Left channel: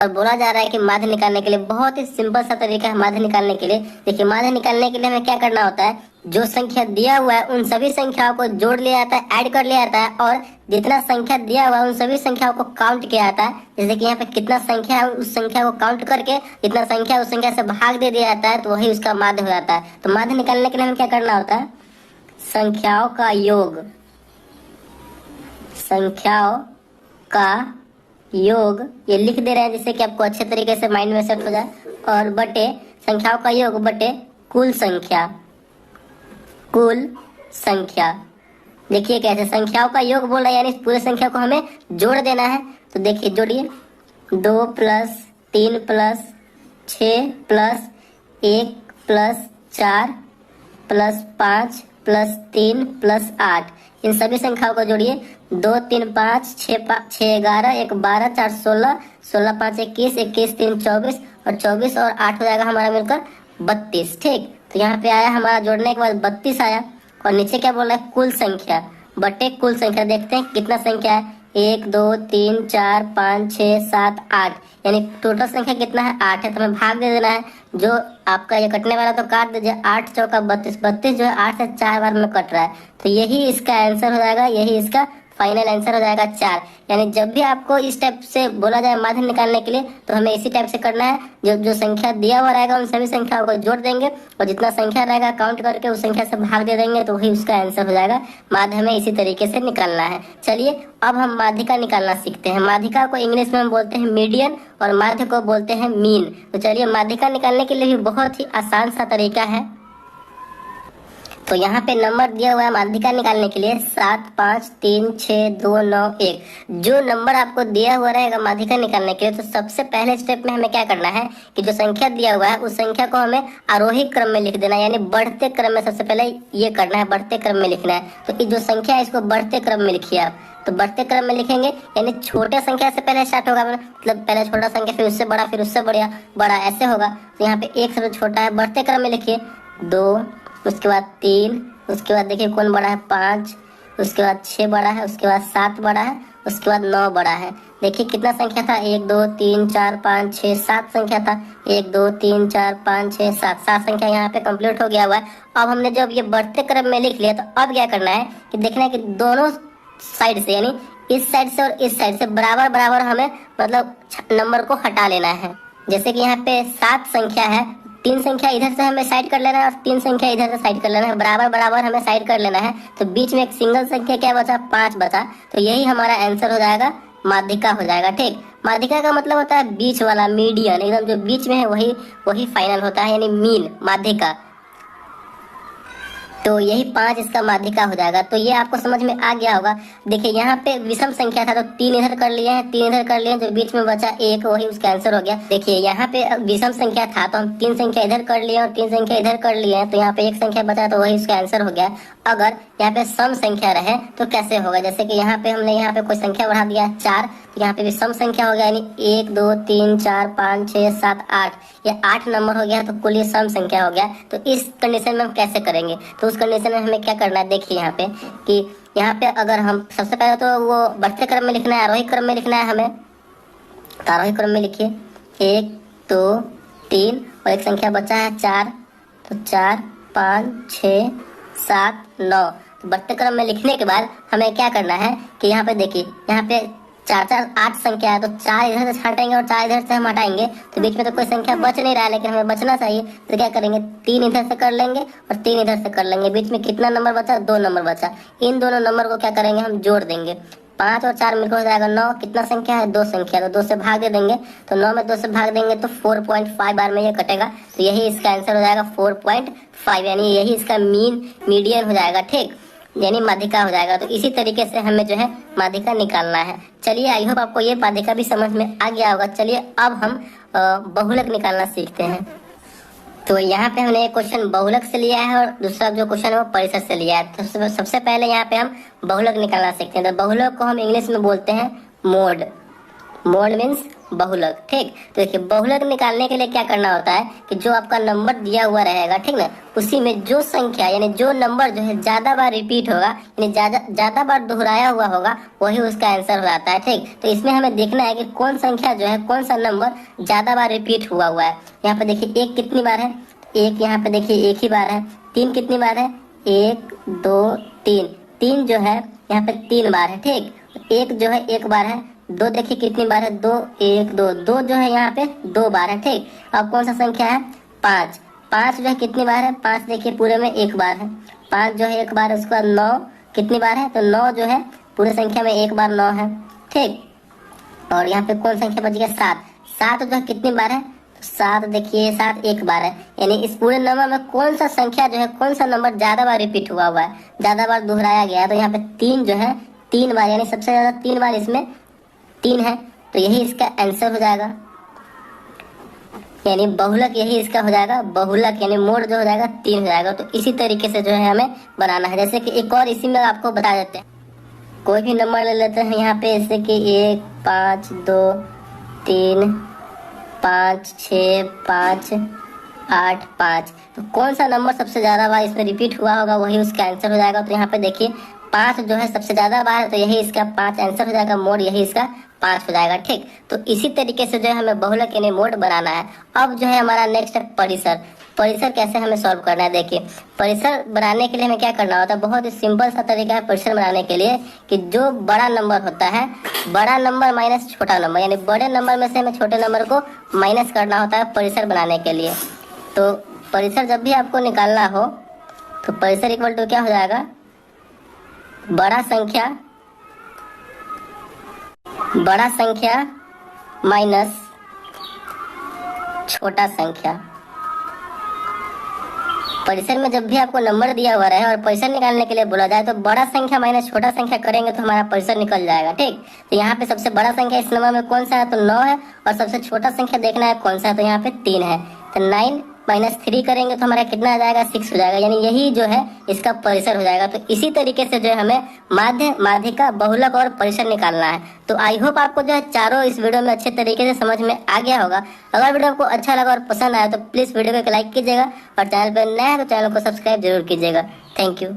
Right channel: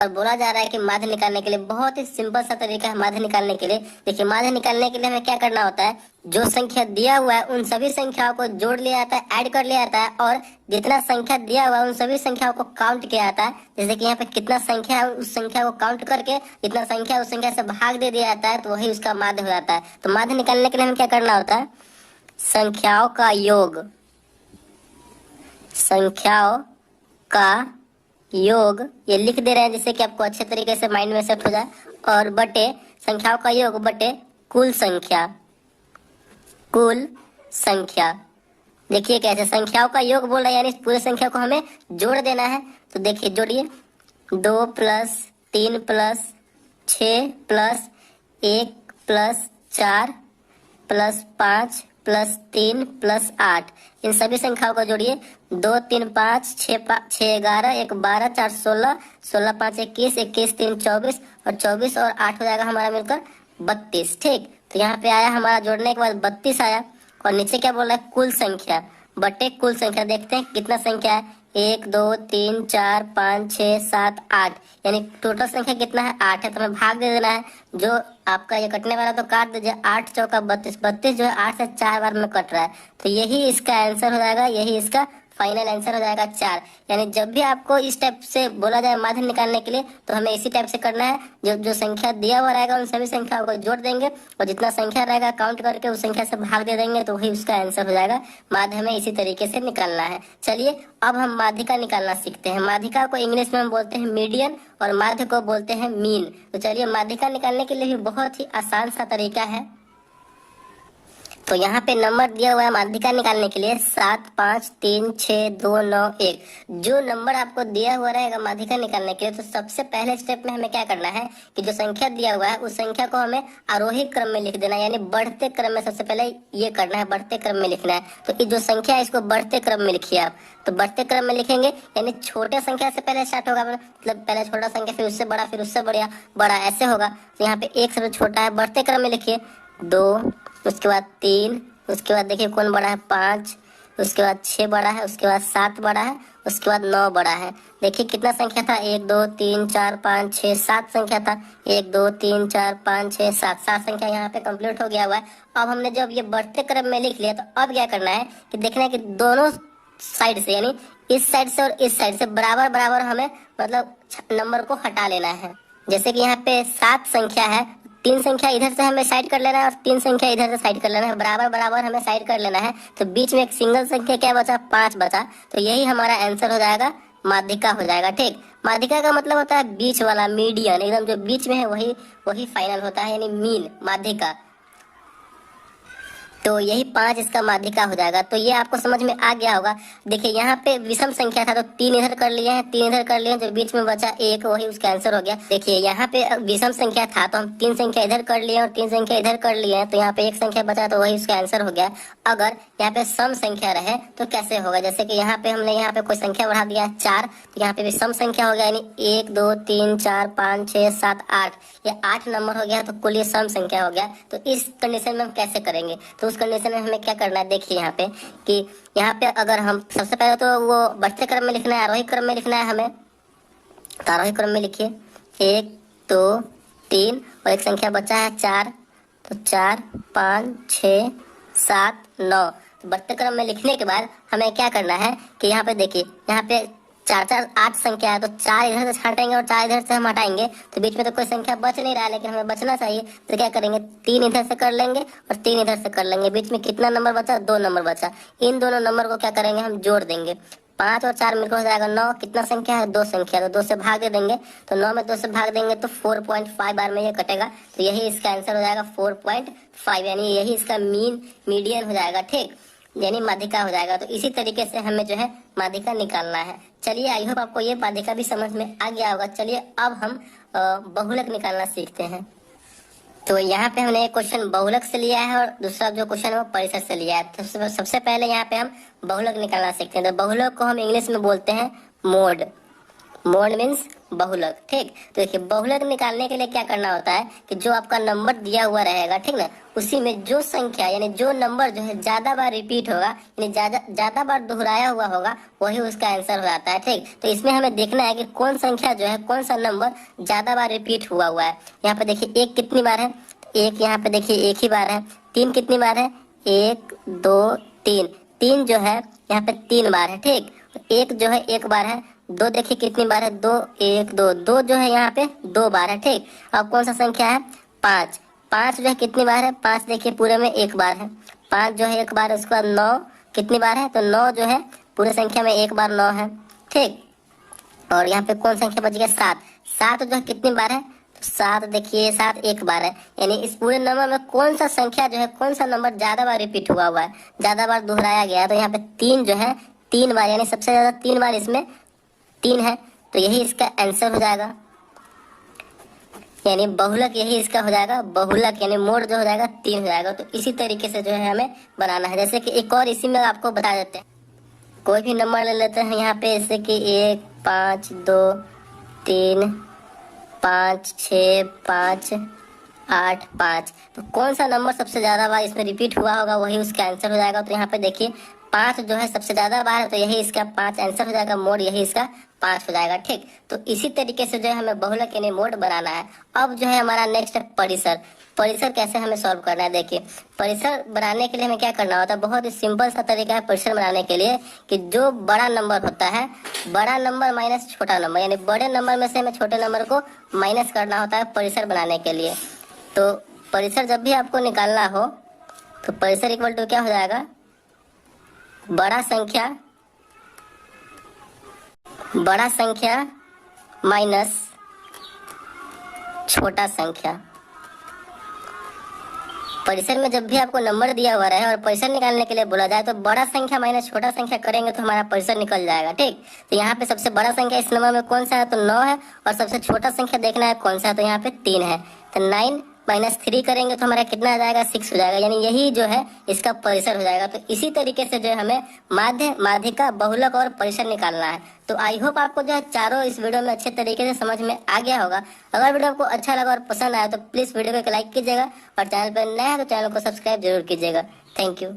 और बोला जा रहा है कि माध्य निकालने के लिए बहुत ही सिंपल सा तरीका है माध्य निकालने के लिए। देखिए, माध्य निकालने के लिए हमें क्या करना होता है, जो संख्या दिया हुआ है उन सभी संख्याओं को जोड़ लिया जाता है, ऐड कर लिया जाता है, और जितना संख्या दिया हुआ है उन सभी संख्याओं को काउंट किया जाता है। जैसे कि यहाँ पे कितना संख्या है उस संख्या को काउंट करके जितना संख्या उस संख्या से भाग दे दिया जाता है, तो वही उसका माध्य हो जाता है। तो माध्य निकालने के लिए हमें क्या करना होता है, संख्याओं का योग, संख्याओं का योग ये लिख दे रहे हैं जिससे कि आपको अच्छे तरीके से माइंड में सेट हो जाए, और बटे संख्याओं का योग बटे कुल संख्या, कुल संख्या। देखिए कैसे संख्याओं का योग बोल रहा है, यानी पूरे संख्या को हमें जोड़ देना है। तो देखिए जोड़िए, 2 + 3 + 6 + 1 + 4 + 5 + 3 + 8, इन सभी संख्याओं को जोड़िए। 2 3 5 6 11 1 12 4 16 16 5 21 21 3 24 और 24 और 8 हो जाएगा हमारा मिलकर 32। ठीक, तो यहाँ पे आया हमारा जोड़ने के बाद 32 आया। और नीचे क्या बोल रहा है, कुल संख्या बटे कुल संख्या। देखते हैं कितना संख्या है, 1 2 3 4 5 6 7 8, यानी टोटल संख्या कितना है, 8 है। तो हमें भाग दे देना है, जो आपका ये कटने वाला तो काट दीजिए, 8 चौका 32, 32 जो है 8 से 4 बार में कट रहा है, तो यही इसका आंसर हो जाएगा, यही इसका फाइनल आंसर हो जाएगा 4। यानी जब भी आपको इस टाइप से बोला जाए माध्य निकालने के लिए, तो हमें इसी टाइप से करना है। जो जो संख्या दिया हुआ रहेगा उन सभी संख्याओं को जोड़ देंगे, और जितना संख्या रहेगा काउंट करके उस संख्या से भाग दे देंगे, तो वही उसका आंसर हो जाएगा। माध्य हमें इसी तरीके से निकालना है। चलिए अब हम माध्यिका निकालना सीखते हैं। माध्यिका को इंग्लिश में हम बोलते हैं मीडियन, और माध्य को बोलते हैं मीन। तो चलिए माध्यिका निकालने के लिए भी बहुत ही आसान सा तरीका है। तो यहाँ पे नंबर दिया हुआ है माध्यिका निकालने के लिए 7 5 3 6 2 9 1। जो नंबर आपको दिया हुआ रहेगा माध्यिका निकालने के लिए, तो सबसे पहले स्टेप में हमें क्या करना है कि जो संख्या दिया हुआ है उस संख्या को हमें आरोही क्रम में लिख देना है, यानी बढ़ते क्रम में। सबसे पहले ये करना है, बढ़ते क्रम में लिखना है। तो जो संख्या है इसको बढ़ते क्रम में लिखिए आप। तो बढ़ते क्रम में लिखेंगे, यानी छोटे संख्या से पहले स्टार्ट होगा, मतलब पहले छोटा संख्या, फिर उससे बड़ा, फिर उससे बड़ा ऐसे होगा। तो यहाँ पे 1 सबसे छोटा है, बढ़ते क्रम में लिखिए। 2, उसके बाद 3, उसके बाद देखिए कौन बड़ा है, 5, उसके बाद 6 बड़ा है, उसके बाद 7 बड़ा है, उसके बाद 9 बड़ा है। देखिए कितना संख्या था, 1 2 3 4 5 6 7 संख्या था। 1 2 3 4 5 6 7, 7 संख्या यहाँ पे कंप्लीट हो गया हुआ है। अब हमने जब ये बढ़ते क्रम में लिख लिया, तो अब क्या करना है कि देखना है कि दोनों साइड से, यानी इस साइड से और इस साइड से बराबर बराबर हमें मतलब नंबर को हटा लेना है। जैसे कि यहाँ पे 7 संख्या है, 3 संख्या इधर से हमें साइड कर लेना है और 3 संख्या इधर से साइड कर लेना है, बराबर बराबर हमें साइड कर लेना है। तो बीच में एक सिंगल संख्या क्या बचा, 5 बचा। तो यही हमारा आंसर हो जाएगा, माध्यिका हो जाएगा। ठीक, माध्यिका का मतलब होता है बीच वाला, मीडियन, एकदम जो बीच में है वही फाइनल होता है, यानी मीन, माध्यिका। तो यही 5 इसका माध्यिका हो जाएगा। तो ये आपको समझ में आ गया होगा। देखिए यहाँ पे विषम संख्या था, तो 3 इधर कर लिए हैं, 3 इधर कर लिए हैं, जो बीच में बचा 1 वही उसका आंसर हो गया। देखिए यहाँ पे विषम संख्या था, तो हम 3 संख्या इधर कर लिए और 3 संख्या इधर कर लिए हैं, तो यहाँ पे 1 संख्या बचा, तो वही उसका आंसर हो गया। अगर यहाँ पे सम संख्या रहे तो कैसे होगा, जैसे कि यहाँ पे हमने यहाँ पे कोई संख्या बढ़ा दिया 4, तो यहाँ पे भी सम संख्या हो गया, यानी 1 2 3 4 5 6 7 8, ये 8 नंबर हो गया, तो कुल ये सम संख्या हो गया। तो इस कंडीशन में हम कैसे करेंगे, तो उस कंडीशन में हमें क्या करना है, देखिए यहाँ पे कि यहाँ पे अगर हम सबसे पहले तो वो बढ़ते क्रम में लिखना है, आरोही क्रम में लिखना है हमें। तो आरोही क्रम में लिखिए, 1 2 3 और एक संख्या बचा है 4, तो 4 5 6 7 9। तो बढ़ते क्रम में लिखने के बाद हमें क्या करना है कि यहाँ पे देखिए, यहाँ पे 4 4 8 संख्या है, तो 4 इधर से हटाएंगे और 4 इधर से हम हटाएंगे, तो बीच में तो कोई संख्या बच नहीं रहा है, लेकिन हमें बचना चाहिए। तो क्या करेंगे, 3 इधर से कर लेंगे और 3 इधर से कर लेंगे, बीच में कितना नंबर बचा, 2 नंबर बचा। इन दोनों नंबर को क्या करेंगे, हम जोड़ देंगे। 5 और 4 मिलकर हो जाएगा 9। कितना संख्या है, 2 संख्या, तो 2 से भाग दे देंगे। तो 9 में 2 से भाग देंगे तो 4.5 बार में ये कटेगा, तो यही इसका आंसर हो जाएगा 4.5, यानी यही इसका मीडियन हो जाएगा। ठीक, यानी माध्यिका हो जाएगा। तो इसी तरीके से हमें जो है माध्यिका निकालना है। चलिए आई होप आपको ये माध्यिका भी समझ में आ गया होगा। चलिए अब हम बहुलक निकालना सीखते हैं। तो यहाँ पे हमने एक क्वेश्चन बहुलक से लिया है और दूसरा जो क्वेश्चन है वो परिसर से लिया है। तो सबसे पहले यहाँ पे हम बहुलक निकालना सीखते हैं। तो बहुलक को हम इंग्लिश में बोलते हैं मोड, मोड मीन्स बहुलक, ठीक। तो देखिए बहुलक निकालने के लिए क्या करना होता है कि जो आपका नंबर दिया हुआ रहेगा, ठीक ना, उसी में जो संख्या यानी जो नंबर जो है ज्यादा बार रिपीट होगा यानी ज्यादा बार दोहराया हुआ होगा वही उसका आंसर हो जाता है, ठीक। तो इसमें हमें देखना है कि कौन संख्या जो है कौन सा नंबर ज्यादा बार रिपीट हुआ हुआ है। यहाँ पे देखिए एक कितनी बार है, एक यहाँ पे देखिए एक ही बार है। तीन कितनी बार है, एक दो तीन, तीन जो है यहाँ पे तीन बार है, ठीक। एक जो है एक बार है। दो देखिए कितनी बार है, दो एक दो, दो जो है यहाँ पे दो बार है, ठीक। अब कौन सा संख्या है, पाँच, पाँच जो है कितनी बार है, पाँच देखिए पूरे में एक बार है। पाँच जो है एक बार, उसके बाद नौ कितनी बार है, तो नौ जो है पूरे संख्या में एक बार नौ है, ठीक। और यहाँ पे कौन संख्या बच गया, सात, सात जो है कितनी बार है, सात देखिए सात एक बार है। यानी इस पूरे नंबर में कौन सा संख्या जो है कौन सा नंबर ज्यादा बार रिपीट हुआ है, ज्यादा बार दोहराया गया है, तो यहाँ पे तीन जो है तीन बार, यानी सबसे ज्यादा तीन बार इसमें तीन है, तो यही इसका आंसर हो जाएगा। यानी बहुलक यही इसका हो जाएगा, बहुलक यानी मोड जो हो जाएगा तीन हो जाएगा। तो इसी तरीके से जो है हमें बनाना है। जैसे कि एक और इसी में आपको बता देते हैं, कोई भी नंबर ले लेते हैं यहाँ पे, जैसे कि एक पाँच दो तीन पाँच छः पाँच आठ पाँच, तो कौन सा नंबर सबसे ज्यादा बार इसमें रिपीट हुआ होगा वही उसका आंसर हो जाएगा। तो यहाँ पे देखिए पाँच जो है सबसे ज्यादा बार है, तो यही इसका पाँच आंसर हो जाएगा, मोड यही इसका पाँच हो जाएगा, ठीक। तो इसी तरीके से जो है हमें बहुलक यानी मोड बनाना है। अब जो है हमारा नेक्स्ट है परिसर। परिसर कैसे हमें सॉल्व करना है, देखिए परिसर बनाने के लिए हमें क्या करना होता है, बहुत ही सिंपल सा तरीका है परिसर बनाने के लिए कि जो बड़ा नंबर होता है, बड़ा नंबर माइनस छोटा नंबर, यानी बड़े नंबर में से हमें छोटे नंबर को माइनस करना होता है परिसर बनाने के लिए। तो परिसर जब भी आपको निकालना हो तो परिसर इक्वल टू क्या हो जाएगा, बड़ा संख्या माइनस छोटा संख्या। परिसर में जब भी आपको नंबर दिया हुआ रहे और परिसर निकालने के लिए बोला जाए तो बड़ा संख्या माइनस छोटा संख्या करेंगे तो हमारा परिसर निकल जाएगा, ठीक। तो यहाँ पे सबसे बड़ा संख्या इस नंबर में कौन सा है, तो 9 है, और सबसे छोटा संख्या देखना है कौन सा है, तो यहाँ पे 3 है। तो 9 माइनस 3 करेंगे तो हमारा कितना आ जाएगा, 6 हो जाएगा, यानी यही जो है इसका परिसर हो जाएगा। तो इसी तरीके से जो है हमें माध्य, माध्यिका, बहुलक और परिसर निकालना है। तो आई होप आपको जो है चारों इस वीडियो में अच्छे तरीके से समझ में आ गया होगा। अगर वीडियो आपको अच्छा लगा और पसंद आया तो प्लीज वीडियो को लाइक कीजिएगा, और चैनल पर नया है तो चैनल को सब्सक्राइब जरूर कीजिएगा। Thank you.